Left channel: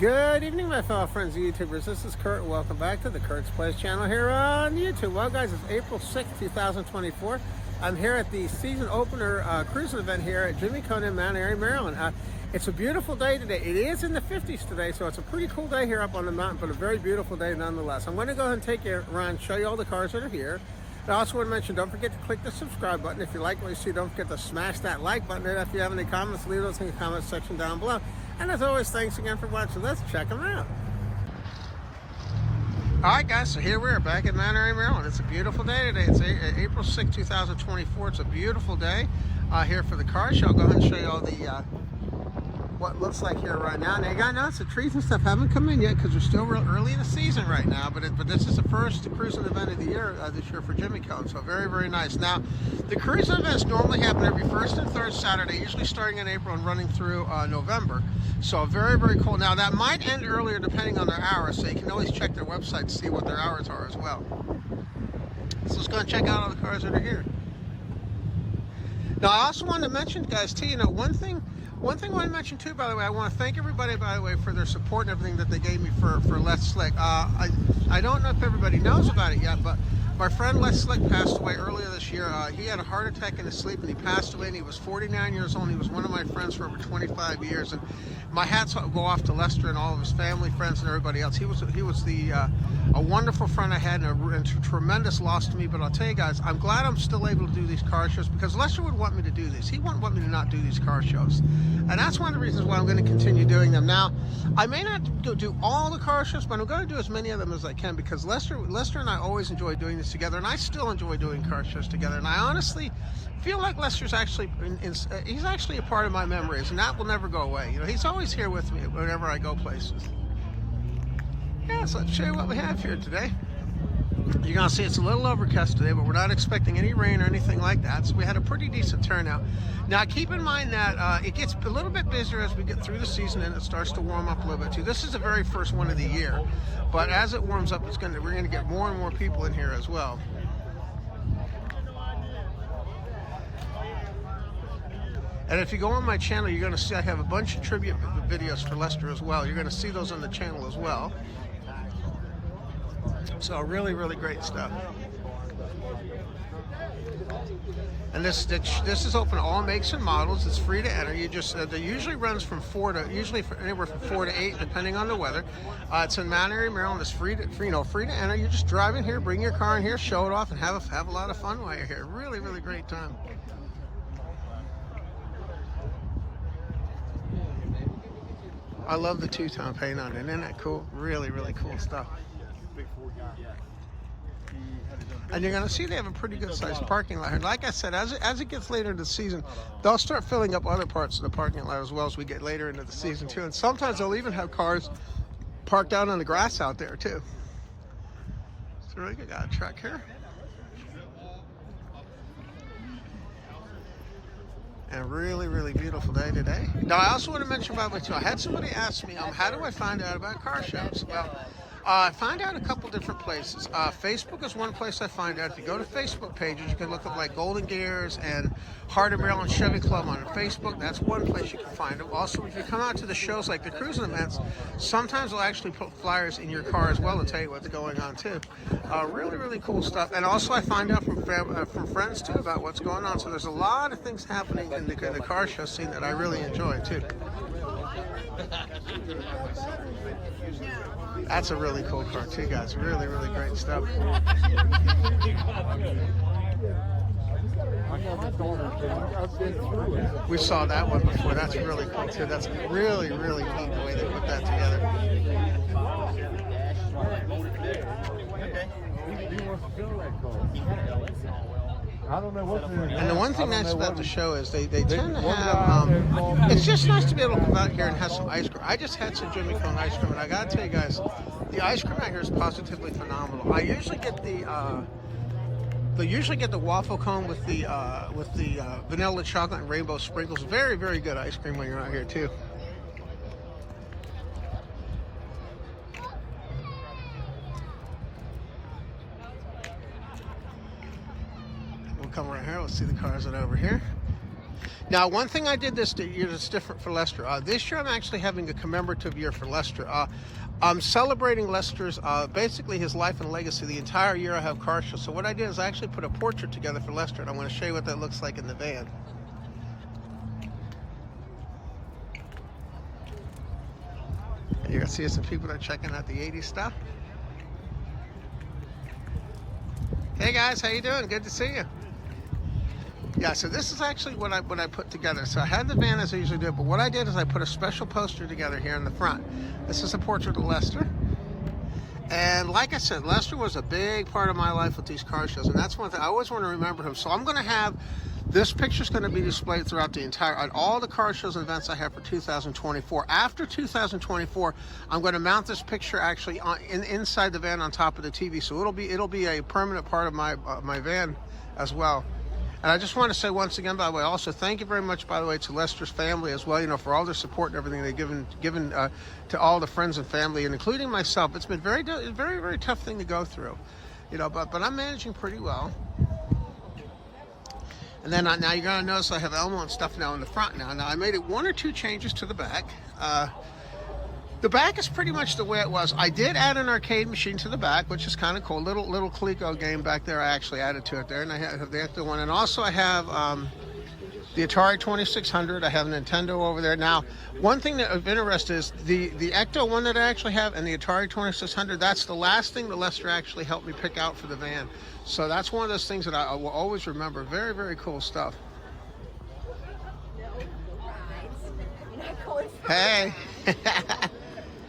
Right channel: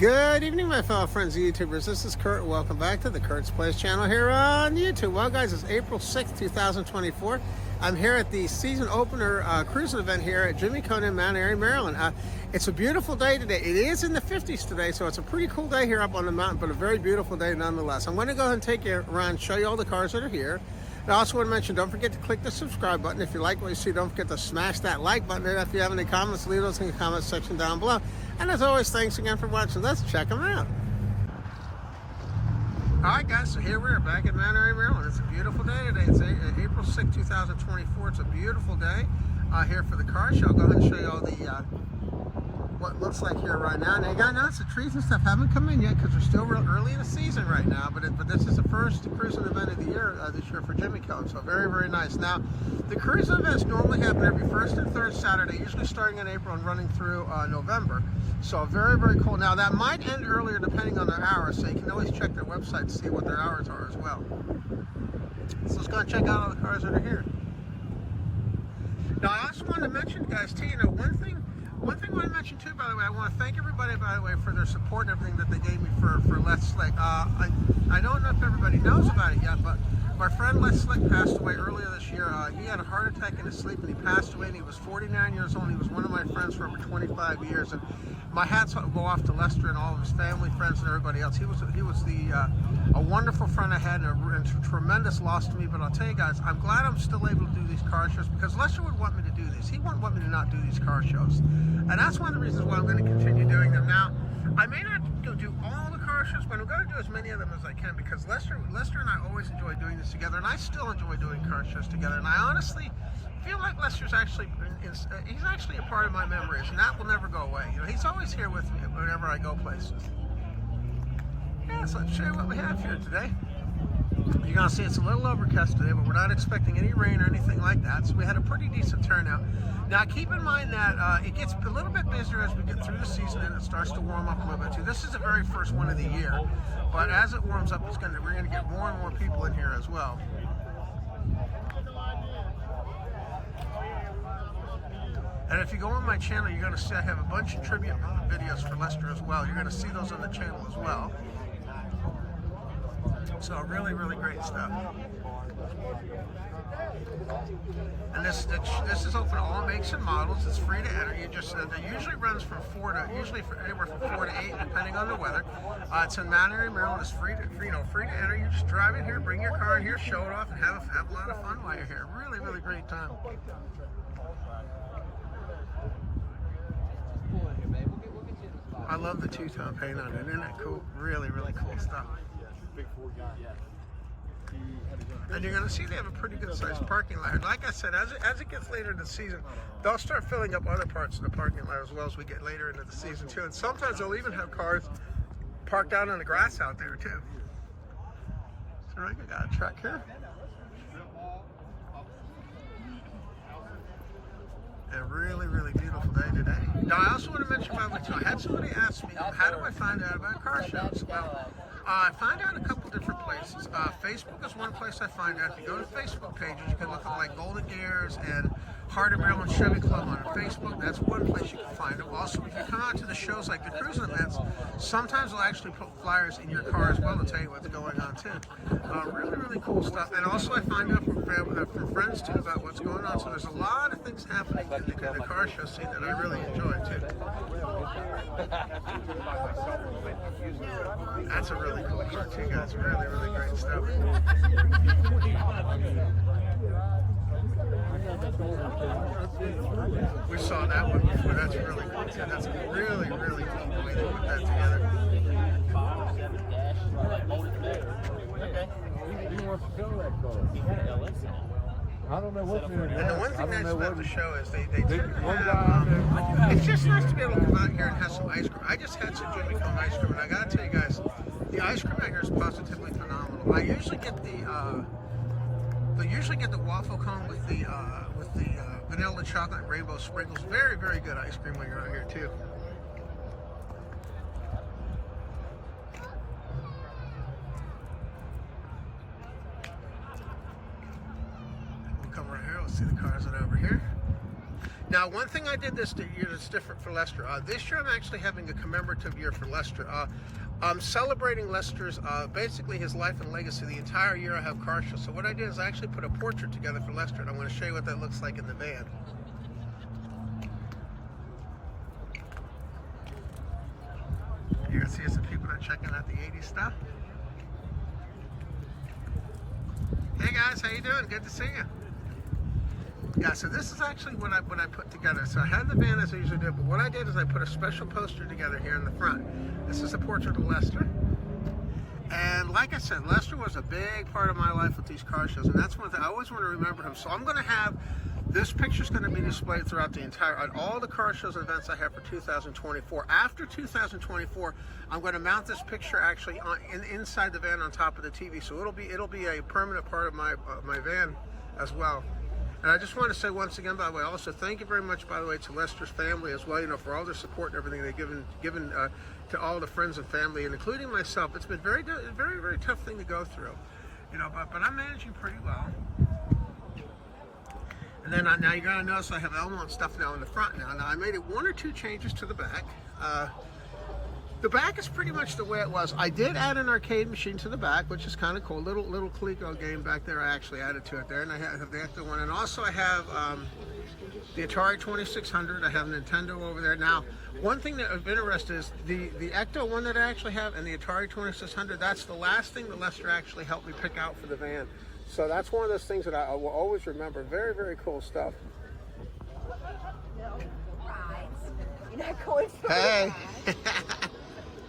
Good evening, my fellow friends, YouTubers. This is Kurt. Welcome back to the Kurt's Place channel here on YouTube. Well, guys, it's April 6th, 2024. I'm here at the season opener cruising event here at Jimmie in Mount Airy, Maryland. It's a beautiful day today. It is in the 50s today, so it's a pretty cool day here up on the mountain, but a very beautiful day nonetheless. I'm going to go ahead and take you around and show you all the cars that are here. And I also want to mention, don't forget to click the subscribe button. If you like what you see, don't forget to smash that like button. And if you have any comments, leave those in the comment section down below. And as always, thanks again for watching. Let's check them out. All right, guys, so here we are back in Mount Airy, Maryland. It's a beautiful day today. It's April 6, 2024. It's a beautiful day here for the car show. I'll go ahead and show you all the what it looks like here right now. Now, you got to notice the trees and stuff haven't come in yet because we're still real early in the season right now. But this is the first cruising event of the year this year for Jimmie. So very, very nice. Now, the cruising events normally happen every first and third Saturday, usually starting in April and running through November. So very, very cool. Now, that might end earlier depending on their hours, so you can always check their website to see what their hours are as well. So let's go and check out all the cars that are here. Now, I also wanted to mention, guys, too, one thing I want to mention too, by the way, I want to thank everybody, by the way, for their support and everything that they gave me for Let's Slick. I don't know if everybody knows about it yet, but my friend Les Slick passed away earlier this year. He had a heart attack in his sleep and he passed away, and he was 49 years old. He was one of my friends for over 25 years, and my hats go off to Lester and all of his family, friends, and everybody else. He was a wonderful friend I had, and a tremendous loss to me. But I'll tell you guys, I'm glad I'm still able to do these car shows, because Lester would want me to do these. He wouldn't want me to not do these car shows, and that's one of the reasons why I'm going to continue doing them. Now, I may not do all the car shows, but I'm going to do as many of them as I can, because Lester and I always enjoy doing this together, and I still enjoy doing car shows together. And I honestly feel like Lester's actually he's actually a part of my memories, and that will never go away. He's always here with me whenever I go places. Yeah, so let's show you what we have here today. You're gonna see it's a little overcast today, but we're not expecting any rain or anything like that, so we had a pretty decent turnout. Now, keep in mind that it gets a little bit busier as we get through the season, and it starts to warm up a little bit too. This is the very first one of the year, but as it warms up, we're gonna get more and more people in here as well. And if you go on my channel, you're going to see I have a bunch of tribute videos for Lester as well. You're going to see those on the channel as well. So really, really great stuff. And this is open to all makes and models. It's free to enter. You just they usually runs from anywhere from 4 to 8, depending on the weather. It's in Mount Airy, Maryland. It's free to enter. You just drive in here, bring your car in here, show it off, and have a lot of fun while you're here. Really, really great time. I love the two-tone paint on it. Isn't that cool? Really, really cool stuff. And you're going to see they have a pretty good sized parking lot here. Like I said, as it gets later in the season, they'll start filling up other parts of the parking lot as well as we get later into the season too. And sometimes they'll even have cars parked out on the grass out there too. So we got a truck here. And really, really beautiful day today. Now, I also want to mention about my too. I had somebody ask me, how do I find out about car shows? Well, I find out a couple different places. Facebook is one place I find out. If you go to Facebook pages, you can look up like Golden Gears and Heart of Maryland Chevy Club on Facebook. That's one place you can find them. Also, if you come out to the shows like the cruising events, sometimes they'll actually put flyers in your car as well to tell you what's going on too. Really, really cool stuff. And also, I find out from friends too about what's going on. So there's a lot of things happening in the car show scene that I really enjoy too. That's a really cool car too, guys. Really, really great stuff. We saw that one before. That's really cool too. That's really, really neat the way they put that together. I don't know what they're doing. And the one thing nice about the show is they tend to have, it's just nice to be able to come out here and have some ice cream. I just had some Jimmie ice cream, and I gotta tell you guys, the ice cream out here is positively phenomenal. I usually get the waffle cone with the vanilla chocolate and rainbow sprinkles. Very, very good ice cream when you're out here too. Come right here. Let's see the cars that are over here. Now, one thing I did this year that's different for Lester. This year, I'm actually having a commemorative year for Lester. I'm celebrating Lester's, basically his life and legacy. The entire year I have car shows. So what I did is I actually put a portrait together for Lester, and I want to show you what that looks like in the van. You can see some people that are checking out the 80s stuff. Hey guys, how you doing? Good to see you. Yeah, so this is actually what I put together. So I had the van as I usually do, but what I did is I put a special poster together here in the front. This is a portrait of Lester. And like I said, Lester was a big part of my life with these car shows, and that's one thing I always want to remember him. So I'm going to have this picture's going to be displayed throughout the entire, on all the car shows and events I have for 2024. After 2024, I'm going to mount this picture actually inside the van on top of the TV, so it'll be a permanent part of my my van as well. And I just want to say once again, by the way, also thank you very much, by the way, to Lester's family as well, you know, for all their support and everything they've given to all the friends and family, and including myself. It's been a very tough thing to go through, you know, but I'm managing pretty well. And then now you're going to notice I have Elmo and stuff now in the front now. Now I made it 1 or 2 changes to the back. The back is pretty much the way it was. I did add an arcade machine to the back, which is kind of cool. Little Coleco game back there. I actually added to it there, and I have the extra one. And also I have the Atari 2600. I have Nintendo over there. Now, one thing that I've been interested is the Ecto one that I actually have and the Atari 2600. That's the last thing that Lester actually helped me pick out for the van. So that's one of those things that I will always remember. Very cool stuff. Hey.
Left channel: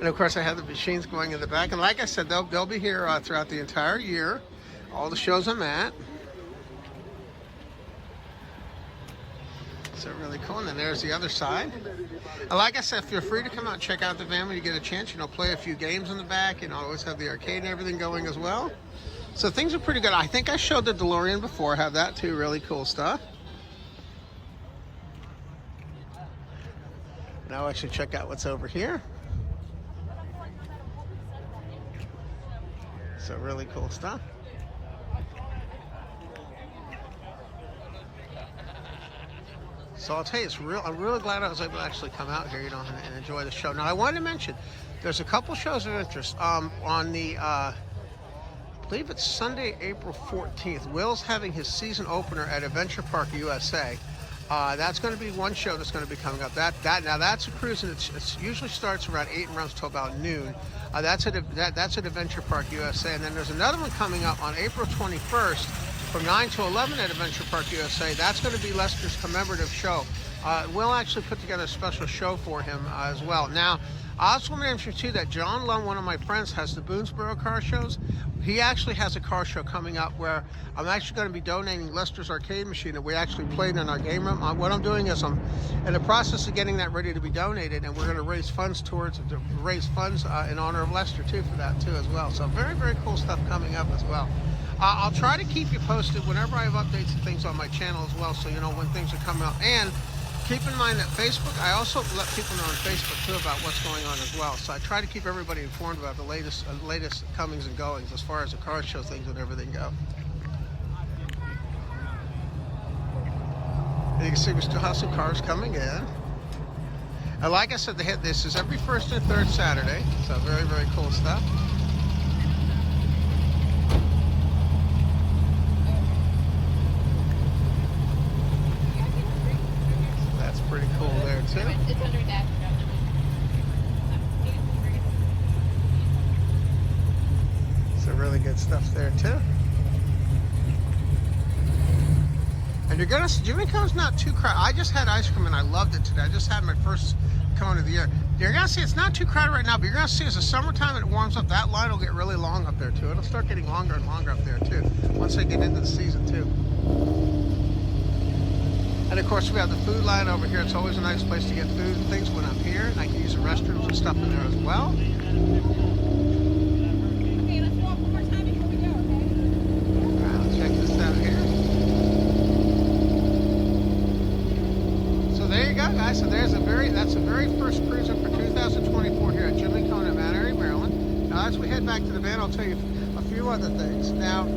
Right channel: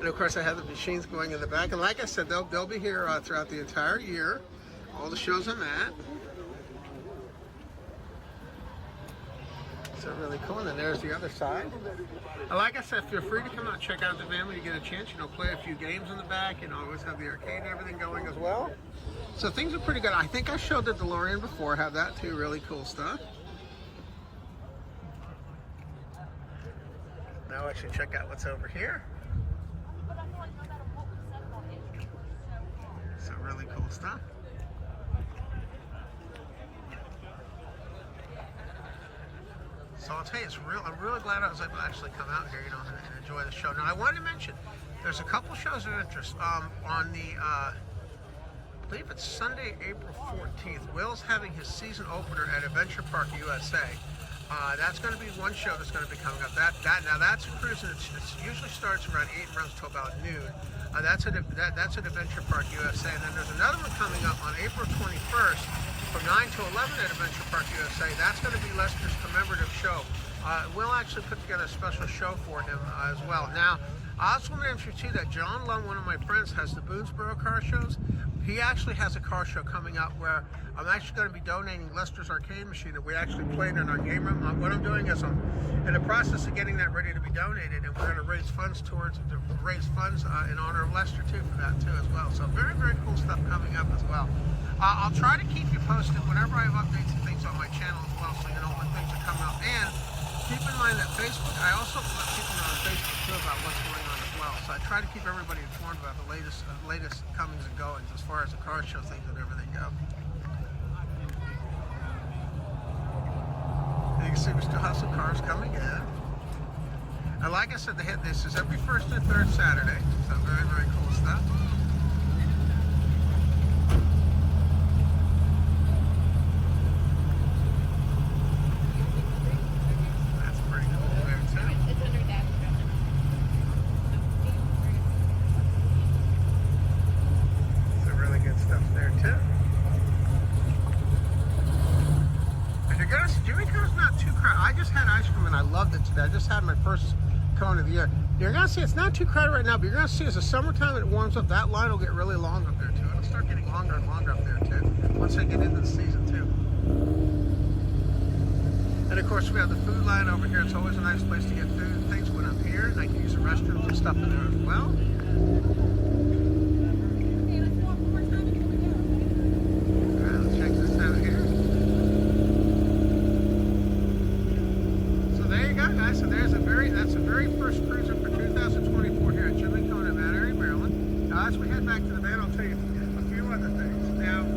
And of course I have the machines going in the back, and like I said, they'll be here throughout the entire year, all the shows I'm at. So really cool. And then there's the other side. And like I said, feel free to come out and check out the van when you get a chance. You know, play a few games in the back, and always have the arcade and everything going as well. So things are pretty good. I think I showed the DeLorean before. I have that too. Really cool stuff. Now I should check out what's over here. So really cool stuff. So I'll tell you, I'm really glad I was able to actually come out here, you know, and enjoy the show. Now I wanted to mention, there's a couple shows of interest. On the, I believe it's Sunday, April 14th, Will's having his season opener at Adventure Park USA. That's going to be one show that's going to be coming up. Now that's a cruise, and it usually starts around 8 and runs till about noon. That's at Adventure Park USA. And then there's another one coming up on April 21st from 9 to 11 at Adventure Park USA. That's going to be Lester's commemorative show. We'll actually put together a special show for him as well. Now, I also want to mention too that John Lum, one of my friends, has the Boonesboro car shows. He actually has a car show coming up where I'm actually going to be donating Lester's arcade machine that we actually played in our game room. What I'm doing is I'm in the process of getting that ready to be donated, and we're going to raise funds in honor of Lester too for that too as well. So very cool stuff coming up as well. I'll try to keep you posted whenever I have updates and things on my channel as well, so you know when things are coming up. And keep in mind that Facebook, I also let people know on Facebook too about what's going on as well. So I try to keep everybody informed about the latest comings and goings as far as the car show things and everything go. And you can see we still have some cars coming in. And like I said, this is every first and third Saturday. So very cool stuff. Pretty cool there too. It's under dash. So really good stuff there too. And you're gonna see, Jimmie Cone's not too crowded. I just had ice cream and I loved it today. I just had my first cone of the year. You're gonna see it's not too crowded right now, but you're gonna see as the summertime it warms up, that line will get really long up there too. It'll start getting longer and longer up there too, once they get into the season too. And of course we have the food line over here. It's always a nice place to get food and things when I'm here. And I can use the restrooms and stuff in there as well. Okay, let's walk one more time before we go, okay? Let's check this out here. So there you go, guys. So that's the very first cruiser for 2024 here at Jimmie Cone in Mount Airy, Maryland. Now as we head back to the van, I'll tell you a few other things. Now,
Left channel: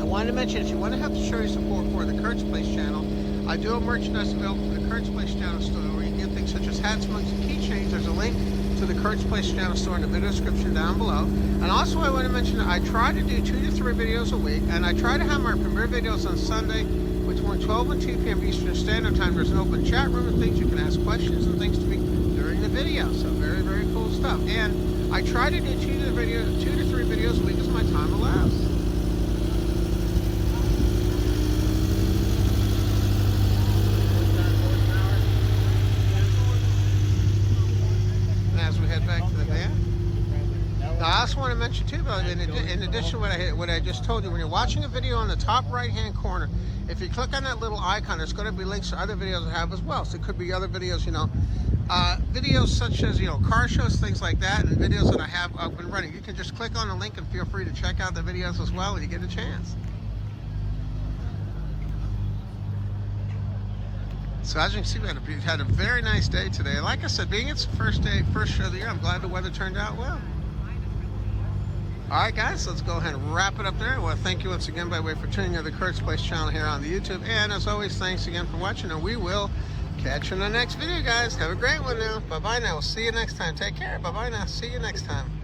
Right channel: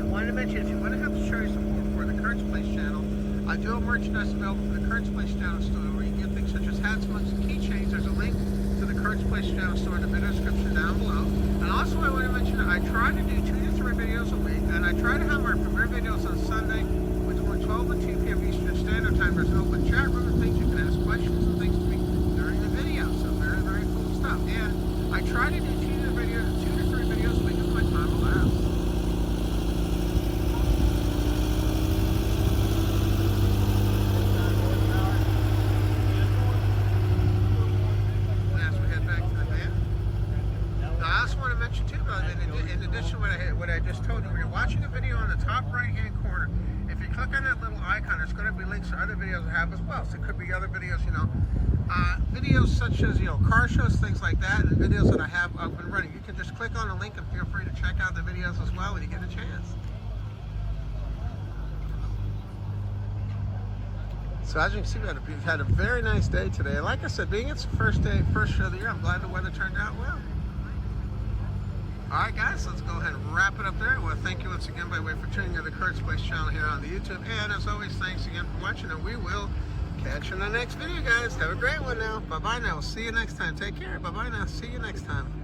I wanted to mention, if you want to have show your support for the Kurt's Place channel, I do have merchandise available for the Kurt's Place Channel store where you can get things such as hats, mugs, and keychains. There's a link to the Kurt's Place Channel store in the video description down below. And also I want to mention that I try to do 2 to 3 videos a week, and I try to have my premiere videos on Sunday between 12 and 2 p.m. Eastern Standard Time. There's an open chat room and things. You can ask questions and things to me during the video. So very, very cool stuff. And I try to do 2 to 3 videos a week as my time allows. As we head back to the van. Now, I also want to mention too, though, in addition to what I just told you, when you're watching a video on the top right-hand corner, if you click on that little icon, there's going to be links to other videos I have as well. So it could be other videos, you know, videos such as, you know, car shows, things like that, and videos that I have up and running. You can just click on the link and feel free to check out the videos as well when you get a chance. So as you can see, we've had a very nice day today. Like I said, being it's the first show of the year, I'm glad the weather turned out well. Alright guys, let's go ahead and wrap it up there. I want to thank you once again by way for tuning in to the Kurt's Place channel here on the YouTube. And as always, thanks again for watching, and we will catch you in the next video, guys. Have a great one now. Bye-bye now. We'll see you next time. Take care. Bye-bye now. See you next time.